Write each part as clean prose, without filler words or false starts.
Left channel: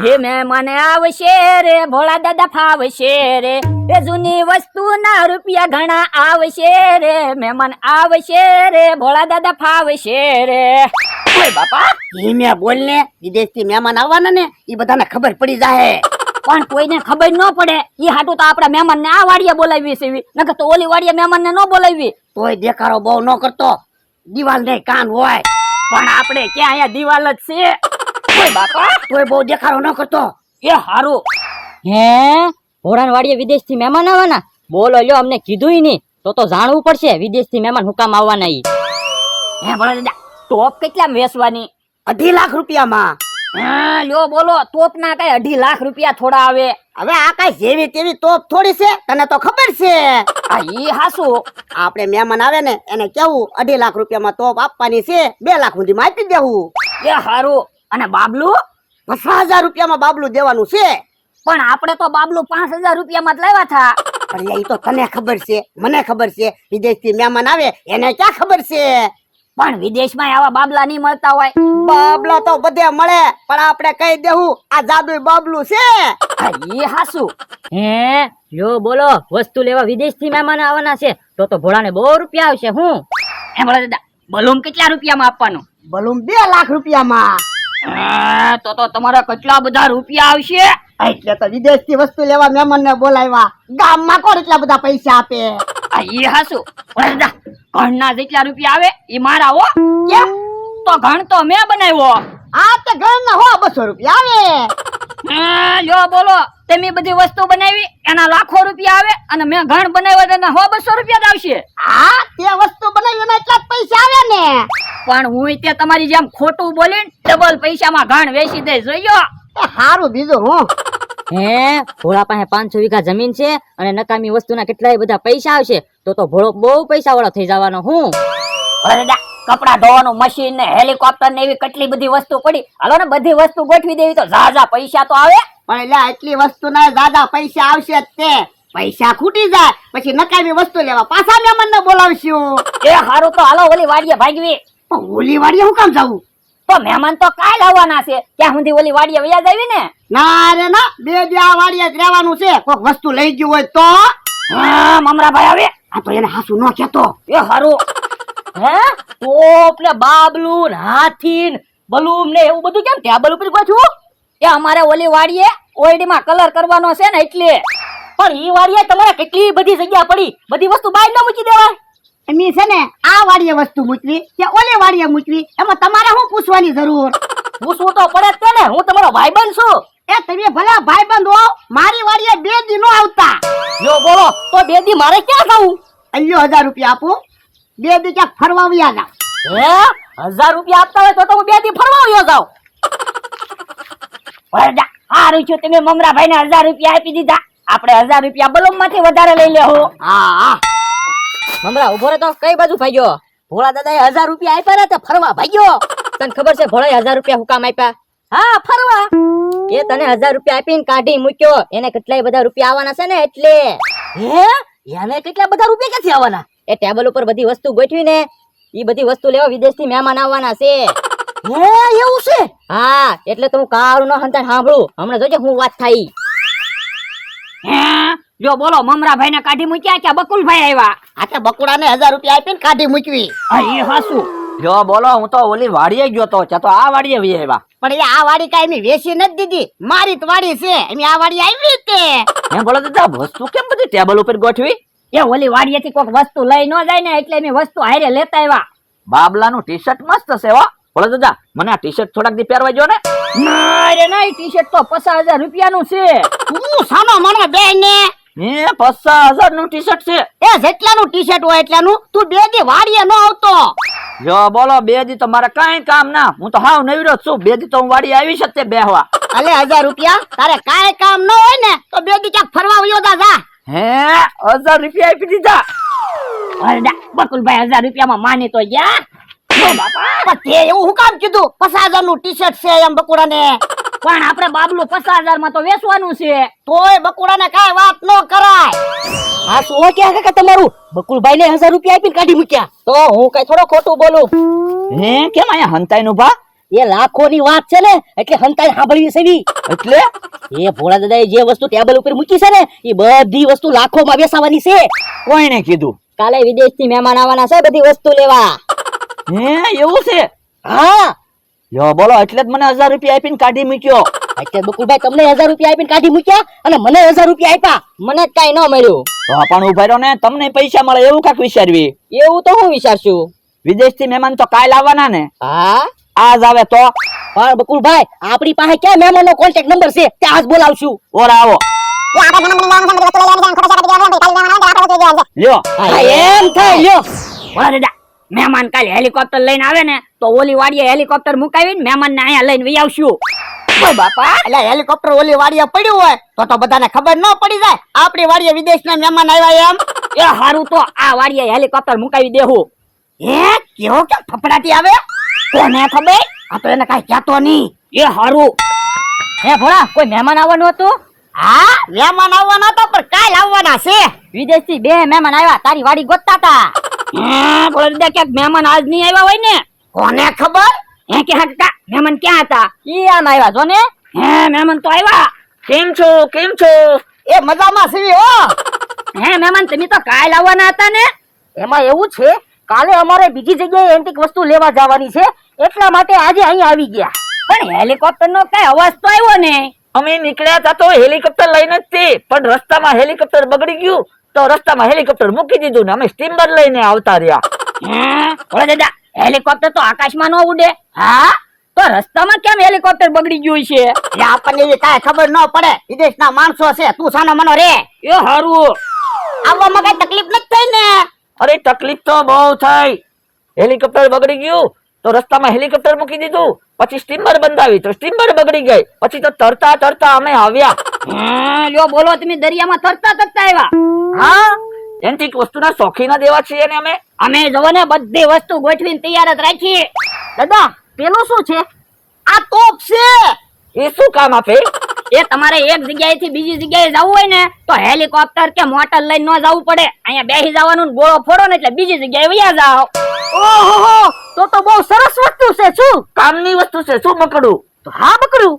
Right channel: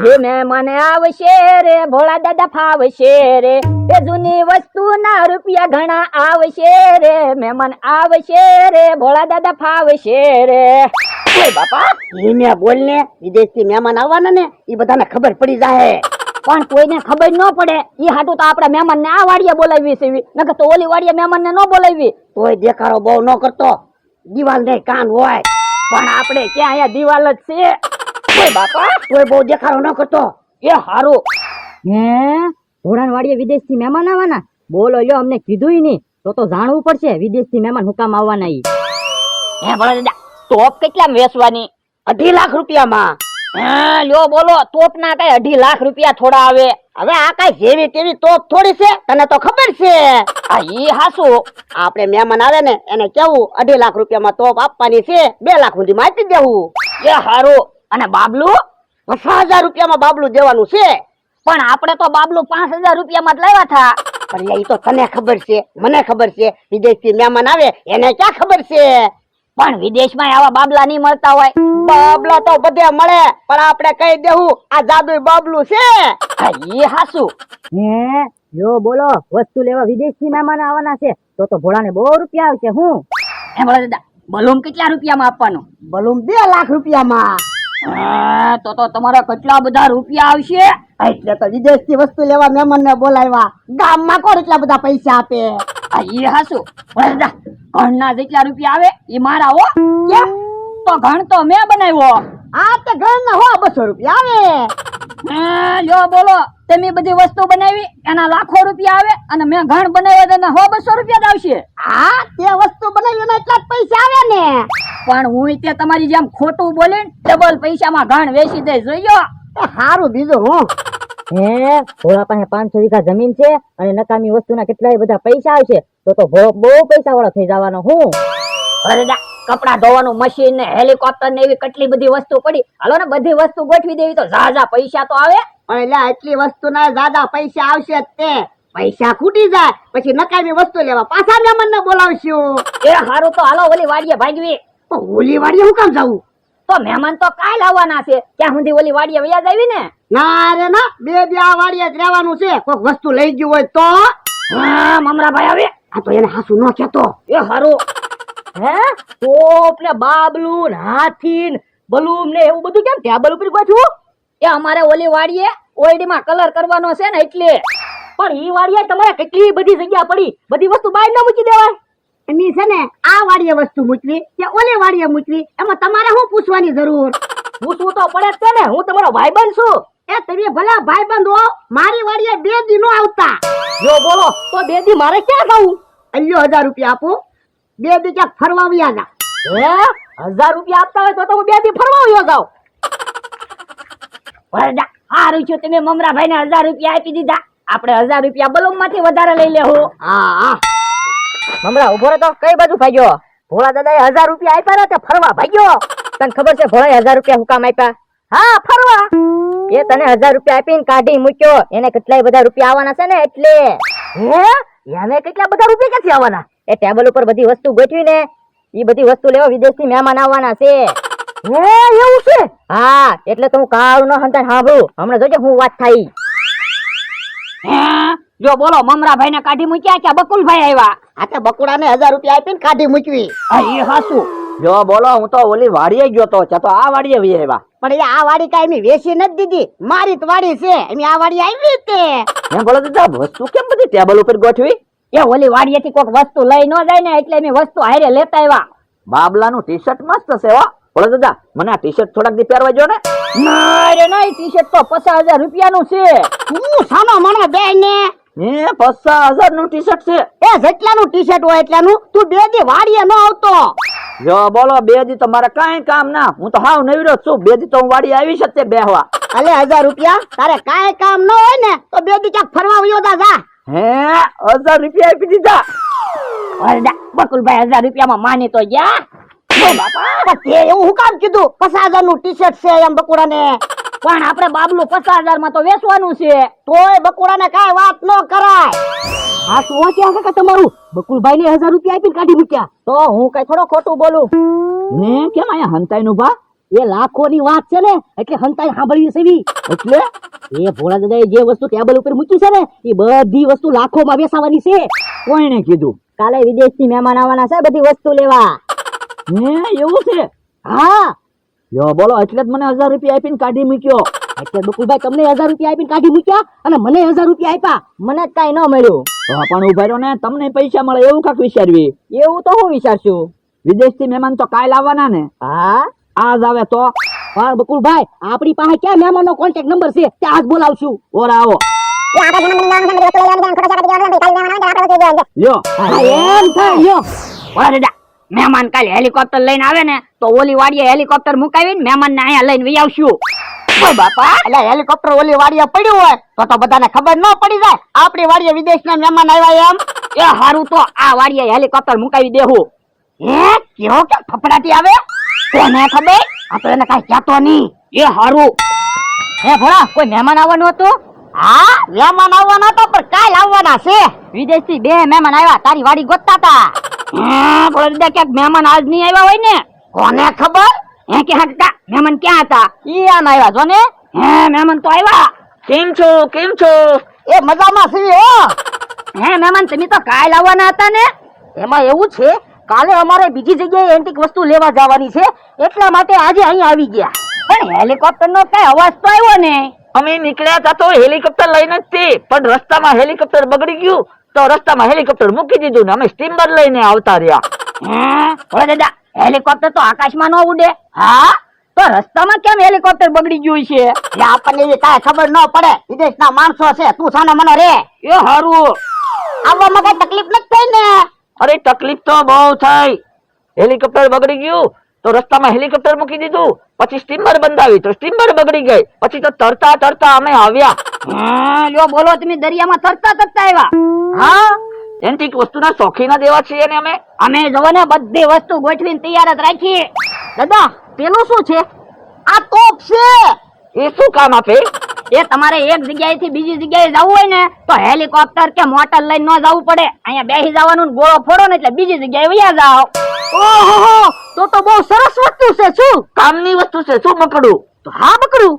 હે મહેમાન આવશે રે ભોળા દાદા ફાવશે રે એ જૂની વસ્તુ ના રૂપિયા ઘણા આવશે રે મહેમાન આવશે રે ભોળા દાદા ફાવશે રે ઓય બાપા ધીમે બોલ ને, વિદેશથી મહેમાન આવવાના ને એ બધાને ખબર પડી જાય. પણ કોઈને ખબર ન પડે ઈ હાટું તો આપડા મહેમાન ને આ વાડિયા બોલાવી છે નકર તો ઓલી વાડિયા મહેમાન ને ન બોલાવી. તોય દેખાડો બહુ ન કરતો, દિવાલ ને કાન હોય. પણ આપણે ક્યાં અહીંયા દિવાલ જ છે. ઓય બાપા તોય બહુ દેખાડો ન કરતો. એ હારું હે ભોળાન વાડીએ વિદેશ થી મહેમાન આવવાના? બોલો લ્યો, અમને કીધું નહીં તો જાણવું પડશે વિદેશ થી મહેમાન હુકામ આવવાના ઈ. હે ભોળા દાદા ટોપ કેટલા વેચવાની? 2.5 લાખ રૂપિયામાં. હા લ્યો બોલો, તોપ ના કઈ 2.5 લાખ રૂપિયા થોડા આવે? હવે આ કઈ જેવી તેવી તોપ થોડી છે, તને તો ખબર છે. આ ઈ હાસુ. આપણે મહેમાન આવે ને એને કેવું 2.5 લાખ રૂપિયામાં તોપ આપવાની છે, 2 લાખ સુધીમાં આપી દેવું. એ હારું. અને બાબલું? 50,000 રૂપિયામાં બાબલું દેવાનું છે. પણ આપણે તો બાબલું 5,000 રૂપિયામાં જ લાવ્યા થા. પણ એ તો તને ખબર છે, મને ખબર છે, વિદેશથી મહેમાન આવે એને ક્યાં ખબર છે. પણ વિદેશમાં આવા બાબલા નહીં મળતા હોય. બાબલા તો બધે મળે, પણ આપણે કહી દેવું આ જાદુઈ બાબલું છે. આ ઈ હાસુ. હે લ્યો બોલો, વસ્તુ લેવા વિદેશ થી મહેમાન આવવાના છે તો ભોળાને બહુ રૂપિયા આવશે. હું હે ભોળા દાદા બલૂમ કેટલા રૂપિયામાં આપવાનું? બલૂમ 2 લાખ રૂપિયામાં. તો તમારા કેટલા બધા રૂપિયા આવશે? એટલે તો વિદેશથી વસ્તુ લેવા મહેમાન ને બોલાવ્યા. ગામમાં કોણ એટલા બધા પૈસા આપે? આ ઈ હાસુ. ભોળા દાદા ઘણના જેટલા રૂપિયા આવે ઈ મારા હો. કેમ? તો ઘણ તો મેં બનાવ્યો. આ તે ઘરના 200 રૂપિયા આવે. લ્યો બોલો, તમે બધી વસ્તુ બનાવી એના લાખો રૂપિયા આવે અને મેં ઘણ બનાવ્યો એના 100-200 રૂપિયા જ આવશે. હા, તે વસ્તુ બનાવી એના એટલા જ પૈસા આવે ને. પણ હું તે તમારી જેમ ખોટું બોલીને ડબલ પૈસામાં ઘણ વેચી દે જોયો. એ હારું બીજું હું. હે ભોળા પાસે 500 વીઘા જમીન છે અને નકામી વસ્તુના કેટલાય બધા પૈસા આવશે તો ભોળો બહુ પૈસા વાળો થઈ જવાનો. હું અરે કપડા ધોવાનું મશીન ને હેલિકોપ્ટર ને એવી કેટલી બધી વસ્તુ પડી. હાલો ને બધી વસ્તુ ગોઠવી દેવી તો ઝાઝા પૈસા તો આવે. પણ એટલે એટલી વસ્તુ ના દાદા પૈસા આવશે જ તે. પૈસા ખૂટી જાય પછી નકામી વસ્તુ લેવા પાછા મહેમાન ને બોલાવશું. એ હારું તો હાલો ઓલી વાડીએ ભાગવી. પણ ઓલી વાડીએ હું કામ જવું? તો મહેમાન તો કાલ આવવાના છે, ત્યાં સુધી ઓલી વાડીએ વ્યાજ આવી ને. ના રે ના, 2 દી આ વાડીએ જ રહેવાનું છે. કોક વસ્તુ લઈ ગયું હોય તો. હા મમરાભાઈ આવે. આ તો એને હાસુ ન કહેતો. એ હારું. હે ટોપ ને બાબલું ને હાથી ને બલૂમ ને એવું બધું કેમ ટેબલ ઉપર ગોઠવું? એ અમારે ઓલી વાડીએ ઓયડીમાં કલર કરવાનો છે ને એટલે. પણ ઈ વાડીએ તમારે કેટલી બધી જગ્યા પડી, બધી વસ્તુ બહાર ન મૂકી દેવાય. એમી છે ને આ વાડીએ વસ્તુ મૂકવી કે ઓલી વાડીએ મૂકવી, એમાં તમારે શું પૂછવાની જરૂર? પૂછવું તો પડે જ તે ને, હું તમારો ભાઈબંધ છું. એ તમે ભલા ભાઈબંધ હો, મારી વાડીએ 2 દી નો આવતા. જો બોલો તો 2 દી મારે ક્યાં ખાવું? અલ્યો 1000 રૂપિયા આપો, 2 દી ક્યાંક ફરવા વ્યા જા. હે 1000 રૂપિયા આપતા હોય તો હું 2 દી ફરવા આવ્યો જાઉં. વરડા હારું છું તમે મમરાભાઈ ને 1000 રૂપિયા આપી દીધા. આપણે 1000 રૂપિયા બલૂમ માંથી વધારે લઈ લેવું. હા હા. મમરા ઉભો રહે તો કઈ બાજુ ભાગ્યો? ભોળા દાદાએ 1000 રૂપિયા આપ્યા ને ફરવા ભાગ્યો. તને ખબર છે ભોળાએ 1000 રૂપિયા હુકામ આપ્યા? હા ફરવા. એ તને 1000 રૂપિયા આપીને કાઢી મૂક્યો, એને કેટલાય બધા રૂપિયા આવવાના છે ને એટલે. હે એને કેટલા બધા રૂપિયા ક્યાંથી આવવાના? એ ટેબલ ઉપર બધી વસ્તુ ગોઠવી ને ઈ બધી વસ્તુ લેવા વિદેશ થી મહેમાન આવવાના છે. હે એવું છે? હા એટલે તો હું કાળું ન હંતાઈ સાંભળું. હમણાં જોજે હું વાત થાય. જો બોલો મમરાભાઈ ને કાઢી મૂક્યા કે બકુલભાઈ આવ્યા? આ તો બકુડાને 1000 રૂપિયા આપીને કાઢી મૂકવી. એ હાસુ. જો બોલો, હું તો ઓલી વાડીએ ગયો તો આ વાડીએ વી આવ્યા. પણ એ આ વાડી કાઈ એમી વેચી નથી દીધી, મારી જ વાડી છે. એમી આ વાડી આવી તે. મેં બોલો દાદા વસ્તુ કેમ બધી ટેબલ ઉપર ગોઠવી? એ ઓલી વાડીએથી કોઈક વસ્તુ લઈ ન જાય ને એટલે એની વસ્તુ હારે લેતા આવ્યા. બાબલાનું ટી શર્ટ મસ્ત છે હો. બોલો દાદા મને આ ટી શર્ટ થોડાક દી પહેરવા જો ને. ના રે ના, ટી શર્ટ તો 50,000 રૂપિયાનું છે. હું સાનો મને બે ને. હે 50,000 નું ટી શર્ટ છે? એ જેટલાનું ટી શર્ટ હોય એટલાનું. તું 2 દી વાડીએ ન આવતો. જો બોલો 2 દી તો મારે કઈ કામ ના, હું તો હાવ નવીરો છું. 2 દી તો હું વાડી આવી જ તે બેહવા. અલે 1000 રૂપિયા તારે કાઈ કામ ન હોય ને તો 2 દી ક્યાંક ફરવા વયો જા. હે 1000 રૂપિયા આપી દીધા? વરડા બકુલભાઈ 1000 રૂપિયામાં માની તો ગયા. પણ તે એવું હું કામ કીધું 50,000 નું ટી શર્ટ છે એમ બકુડાને? પણ આપણે બાબલું 50,000 માં તો વેચવાનું છે. તોય બકુડાને કાઈ વાત ન કરાય. હા શું કે કાકા તમારું? બકુલભાઈ ને 1000 રૂપિયા આપીને કાઢી મૂક્યા તો હું કઈ થોડો ખોટું બોલું? હે કેમ અહીંયા હંતાઈ નું ભા? એ લાખોની વાત છે ને એટલે હંતાઈ સાંભળવી છે વી. એટલે એ ભોળા દાદાએ જે વસ્તુ ટેબલ ઉપર મૂકી છે ને એ બધી વસ્તુ લાખોમાં વેચાવાની છે. કોઈને કીધું? કાલે વિદેશથી મહેમાન આવવાના છે બધી વસ્તુ લેવા. હે એવું છે? હા યો બોલો, એટલે જ મને 1000 રૂપિયા આપીને કાઢી મૂક્યો. એટલે બકુલભાઈ તમને 1000 રૂપિયા આપીને કાઢી મૂક્યા અને મને 1000 રૂપિયા આપ્યા. મને જ કઈ ન મળ્યું. તો પણ ઉભા રહ્યો ને, તમને પૈસા મળે એવું કાક વિચારવી. એવું તો હું વિચારશું. વિદેશથી મહેમાન તો કાલ આવવાના ને, હા આજ આવે તો? પણ બકુલભાઈ આપણી પાસે ક્યાં મહેમાનનો કોન્ટેક્ટ નંબર છે ત્યાં આજ બોલાવશું. ઓર આવો લ્યો. હા, એમ થાય લ્યો. ભોળા દાદા, મહેમાન કાલે હેલિકોપ્ટર લઈને આવે ને તો ઓલી વાડીએ હેલિકોપ્ટર મુકાવીને મહેમાન ને અહીંયા લઈને વહી આવશું. ઓય બાપા, એટલે હેલિકોપ્ટર ઓલી વાડીએ પડ્યું હોય તો બધાને ખબર ન પડી જાય આપણી વાડીએ વિદેશના મહેમાન આવ્યા એમ. એ હારું તો આ વાડીએ હેલિકોપ્ટર મુકાવી દેવું. હે કેવો કે ફફડાટી આવે? કોને ખબર? આ તો એને કાંઈ કહેતો નહીં. એ હારું. હે ભોળા કોઈ મહેમાન આવવાનું હતું? હા, મહેમાન આવવાના હતા પણ કાલ આવવાના છે. વિદેશથી 2 મહેમાન આવ્યા તારી વાડી ગોતતા હતા. ભોળા દાદા, ક્યાંક મહેમાન આજ નહીં આવ્યા હોય ને? કોને ખબર? હે કે હતા મહેમાન ક્યાં હતા? ઈ આમ આવ્યા જો ને. હે મહેમાન તો આવ્યા. કેમ છો? કેમ છો? એ મજામાં છીએ હો. હે મહેમાન, તમે તો કાલ આવવાના હતા ને? એમાં એવું છે કાલે અમારે બીજી જગ્યાએ એન્ટિક વસ્તુ લેવા જવાની છે એટલા માટે આજે અહીં આવી ગયા. પણ હેલિકોપ્ટર નો કઈ અવાજ તો આવ્યો ને? અમે નીકળ્યા હતા તો હેલિકોપ્ટર લઈને જ તે, પણ રસ્તામાં હેલિકોપ્ટર બગડી ગયું તો રસ્તામાં હેલિકોપ્ટર મૂકી દીધું ને અમે સ્ટીમર લઈને આવતા રહ્યા. ભોળા દાદા, હેલિકોપ્ટર તો આકાશમાં ન ઉડે. હા, તો રસ્તામાં કેમ હેલિકોપ્ટર બગડી ગયું છે? એટલે આપણને એવી કાંઈ ખબર ન પડે. વિદેશના માણસો છે, તું સાનો મનો રે. એ હારું. આવવામાં કઈ તકલીફ નથી થઈ ને? અરે તકલીફ તો બહુ થઈ. હેલિકોપ્ટર બગડી ગયું તો રસ્તામાં હેલિકોપ્ટર મૂકી દીધું, પછી સ્ટીમર બંધાવી તો સ્ટીમર બગડી ગઈ, પછી તો તરતા તરતા અમે આવ્યા. લ્યો બોલો, તમે દરિયામાં તરતા તરતા આવ્યા? હા, એન્ટિક વસ્તુના શોખીન જ એવા છીએ ને અમે જોવો ને બધી વસ્તુ ગોઠવીને તૈયાર જ રાખીએ. દાદા પેલું શું છે? આ તોપ છે. એ શું કામ આપે? એ તમારે એક જગ્યાએથી બીજી જગ્યાએ જવું હોય ને તો હેલિકોપ્ટર કે મોટર લઈને ન જવું પડે. અહીંયા બેસી જવાનું ને ગોળો ફોડો ને એટલે બીજી જગ્યાએ વયા જાઓ. ઓહો તો બહુ સરસ વસ્તુ છે. શું કામની વસ્તુ છે. શું બકડું? તો હા બકડું.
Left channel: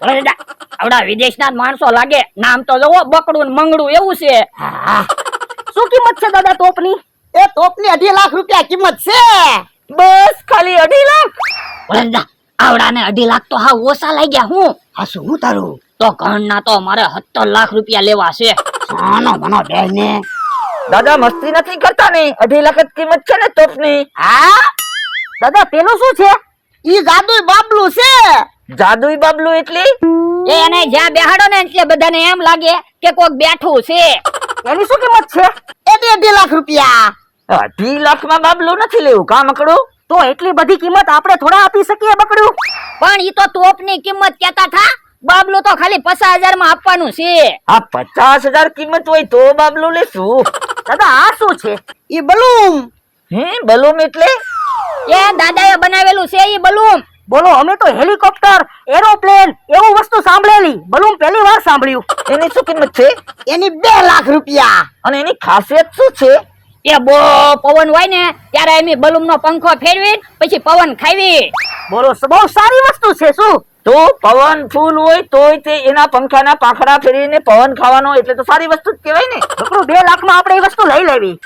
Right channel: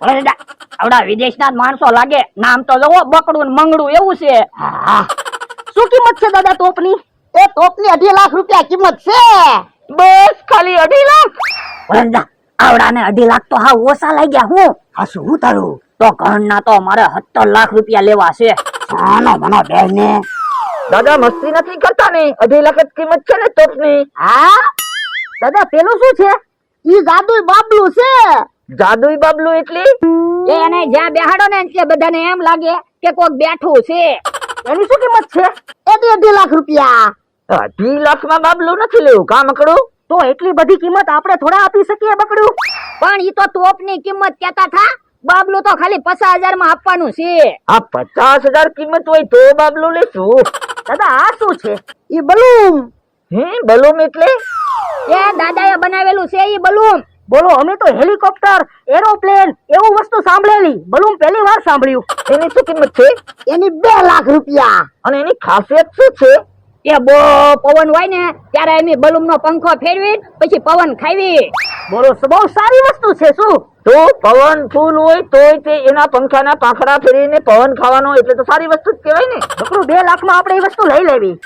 ભોળા દાદા, આવડા વિદેશના જ માણસો લાગે, નામ તો જોવો બકડું ને મંગડું એવું છે. શું કિંમત છે દાદા તોપની? એ તોપની 2.5 લાખ રૂપિયા કિંમત છે. બસ ખાલી 2.5 લાખ? ભોળા દાદા, આવડાને 2.5 લાખ તો હા ઓછા લાગ્યા. હું હા, શું હું તારું? તો ઘરના તો મારે 17 લાખ રૂપિયા લેવા છે. સાનો મનો ડર ને. દાદા મસ્તી નથી કરતા ને, 2.5 લાખ જ કિંમત છે ને તોપની. હા, દાદા પેલું શું છે? ઈ જાદુઈ બાબલું છે. જાદુઈ બાબલું એટલે? એને જ્યાં બેહાડો ને એટલે બધાને એમ લાગે કે કોક બેઠું છે. એની શું કિંમત છે? એ 2.5 લાખ રૂપિયા. 2.5 લાખમાં બાબલું નથી લેવું. કામ કરું તો એટલી બધી કિંમત આપણે થોડા આપી શકીએ બકડું? પણ ઈ તો તોપની કિંમત કેતા થા. બાબલું તો ખાલી 50,000 માં આપવાનું છે. આ 50,000 કિંમત હોય તો બાબલું લેશું. દાદા આ શું છે? ઈ બલૂન. બલૂન એટલે? એ દાદાએ બનાવેલું છે ઈ બલૂન. બોલો અમે તો હેલિકોપ્ટર એરોપ્લેન એવું વસ્તુ સાંભળેલી, બલૂન પહેલી વાર સાંભળ્યું. એની શું કિંમત છે? એની 2 લાખ રૂપિયા. અને એની ખાસિયત શું છે? એ બહુ પવન હોય ને ત્યારે એમ બલૂન નો પંખો ફેરવી પછી પવન ખાવી. બોલો બહુ સારી વસ્તુ છે. શું તો પવન ફૂલ હોય તોય તે એના પંખાના પાંખડા ફેરીને પવન ખાવાનો, એટલે તો સારી વસ્તુ જ કહેવાય ને. બકડું 2 લાખમાં આપણે એ વસ્તુ લઈ લેવી.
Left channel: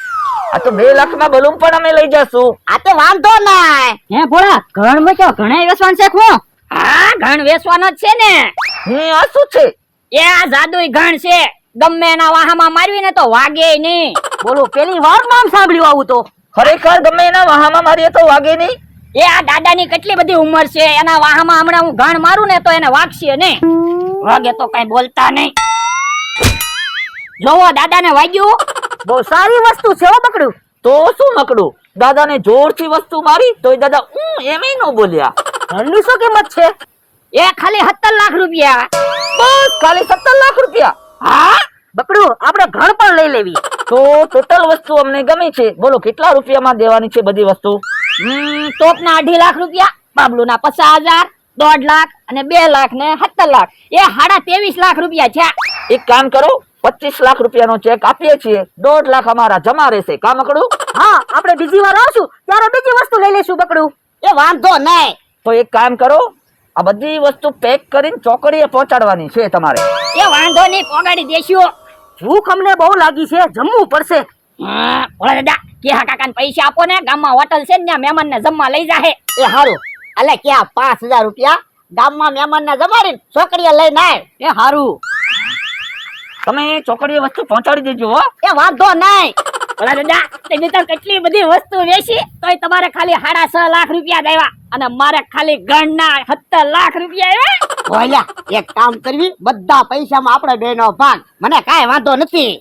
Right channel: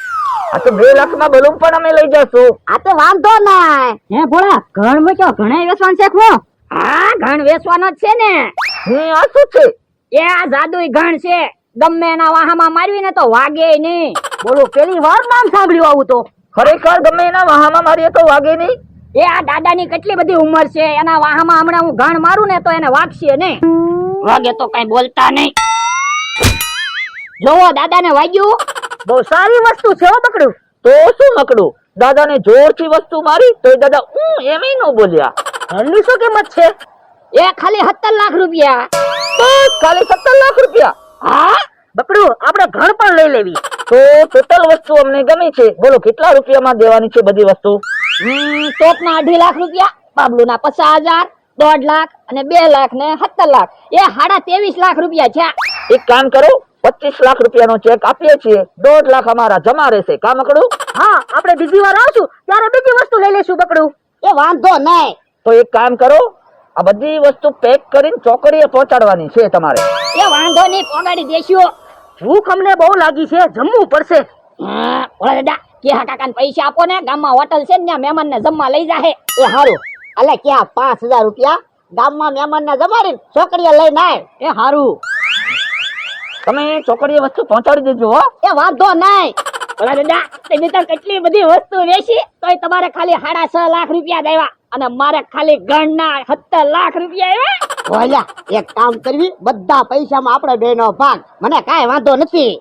આ તો 2 લાખમાં બલૂન પણ અમે લઈ જશું. આ તો વાંધો નહીં. હે ભોળા ઘણ માં ક્યાં ઘણા વેસવાન છે? હું હા, ઘણ વેચવાનો જ છે ને. આ શું છે? એ આ જાદુઈ ઘણ છે. ગમે એના વાહામાં મારવી ને તો વાગે નહીં. બોલો પેલી વાર નામ સાંભળ્યું આવું તો. ખરેખર ગમે એના વાહામાં મારીએ તો વાગે નહીં? એ આ દાદાની કેટલી બધી ઉંમર છે, એના વાહામાં હમણાં હું ઘણ મારું ને તો એને વાગશે નહીં. વાગે તો કઈ બોલતા નહીં. જોવો દાદાને વાગ્યું. બહુ સારી વસ્તુ છે હો બકડું. તો શું મકડું? દાદાને જોરથી વસ્તુ મારી તો દાદા એમ ન બોલ્યા. ઘણની શું કિંમત છે? એ ખાલી 17 લાખ રૂપિયા. બસ ખાલી 17 લાખ રૂપિયા? હા, બકડું આપણે ઘણ પણ લઈ લેવી. તો ટોટલ વસ્તુ અમને ગમી છે. બોલો કેટલા રૂપિયામાં દેવાની છે બધી વસ્તુ? ટોપના 2.5 લાખ રૂપિયા, બાબલુના 50,000, 1.5 લાખ અને 2 લાખ ને 17 લાખ. એ 23.5 લાખ રૂપિયા છે. એક કામ કરો, 25 લાખ રૂપિયાનો ચેક આપીએ છીએ, 1.5 લાખ અમારા જમા રહેશે. કામ કરું? હા આપણે બીજી વાર આવશું ત્યારે બીજી વસ્તુ લઈ લઈશું બકડું. એ વાંધો નહીં. તો એક કામ કરો, આ બધી વસ્તુ પેક કરીને ચોકડીએ પહોંચાડવાની છે તમારે. એ વાંધો નહીં, પોગાડી દેશું. ભૂખ અમને બહુ લાગી છે, જમવું પડશે. ઓલા દાદા કેહા કાકાને પૈસા આપો ને, ગામમાં હોટલ છે ને ત્યાં મહેમાનને જમવા લઈ જાહે. એ હારું, અલે ક્યાં 5000 રૂપિયા ગામમાં મહેમાનને જમાડીને છોકરીએ લઈને આય. એ હારું. તમે ચોકડીએ વસ્તુ પહોંચાડી દેજો હો. એ વાંધો નહીં. ઓલા દાદા તમે તો કેટલી બધી વસ્તુ વેચી તોય તમારે ખાલી 6.5 લાખ રૂપિયા દેવા અને મારે ખાલી ગણના 17 લાખ રૂપિયા આવ્યા. ઓલા એક કામ કરવી, બધા પૈસામાં આપણે બેનો ભાગ, મને કાંઈ વાંધો નથી.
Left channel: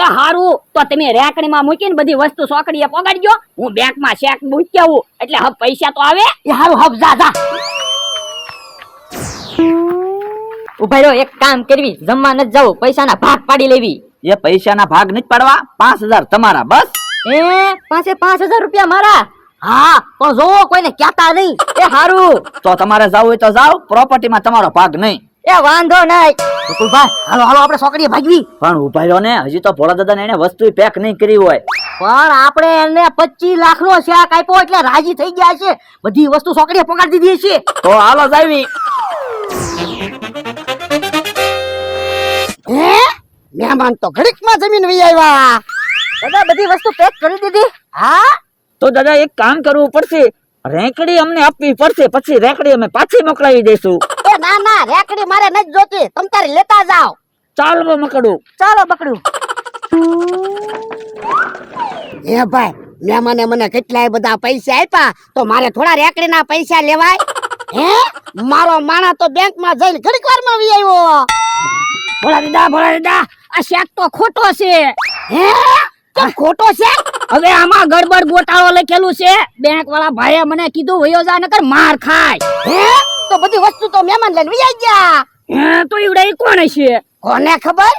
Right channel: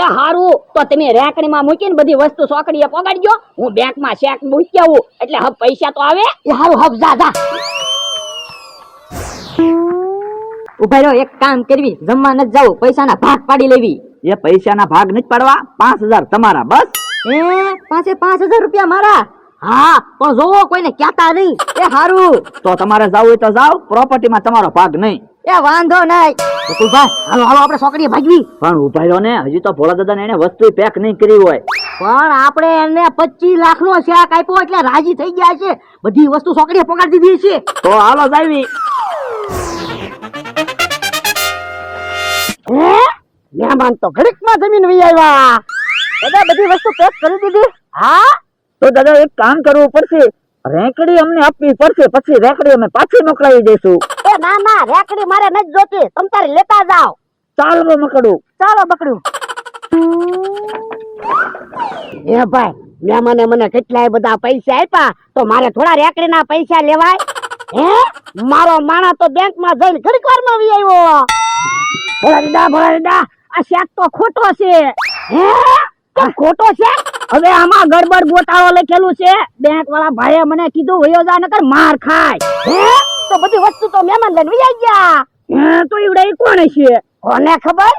એ હારું, તો તમે રેકડીમાં મૂકીને બધી વસ્તુ સોકડીએ પોગાડજો, હું બેંકમાં ચેક મૂકી આવું એટલે હવે પૈસા તો આવે. એ હારું, હબ જા જા. ઉભા રહ્યો, એક કામ કરવી, જમવા નથી જવું, પૈસાના ભાગ પાડી લેવી. એ પૈસાના ભાગ નથી પાડવા, 5000 તમારા બસ. એ પાસે 5000 રૂપિયા મારા. હા, પણ જોવો કોઈને કહેતા નહીં. એ હારું. તો તમારે જાવ હોય તો જાવ, પ્રોપર્ટીમાં તમારો ભાગ નહીં. એ વાંધો નહીં. ગોકુલભાઈ, હાલો હાલો આપણે છોકરીએ ભાગવી. પણ ઉભા રહ્યો ને, હજી તો ભોળા દાદા એને વસ્તુ પેક નહીં કરી હોય. પણ આપણે એને 25 લાખનો શેક આપ્યો એટલે રાજી થઈ ગયા છે. બધી વસ્તુ છોકરીએ પગાડી દીધી છે. તો હાલો જાવી. હે? મહેમાન તો ઘડીકમાં જમીન વહી આવ્યા. દાદા બધી વસ્તુ પેક કરી દીધી. હા, તો દાદા એક કામ કરવું પડશે, રેકડી અમને આપવી પડશે, પછી રેકડી અમે પાછી મોકલાવી દઈશું. એ ના ના, રેકડી મારે નથી જોતી, તમ તારી લેતા જાઓ. ચાલવો મકડું. ચાલો બકડું. એ ભાઈ, મહેમાને મને કેટલાય બધા પૈસા આપ્યા, તો મારે થોડા રેકડીના પૈસા લેવાય? હે? મારો માણા તો બેંકમાં જઈને ઘડીક વારમાં વી આવ્યો. ભોળા દાદા આ શેક તો ખોટો છે. હે? કેમ ખોટો છે? હવે આમાં ગડબડ ગોટાળો લખેલું છે. બેંક વાળા ભાઈએ મને કીધું વયો જા નકર માર ખાય. હે? તો બધી વસ્તુ તો મહેમાન લઈને વી આવી ગયા. તો ઈવડા ઈ કોણ છે? કોને ખબર?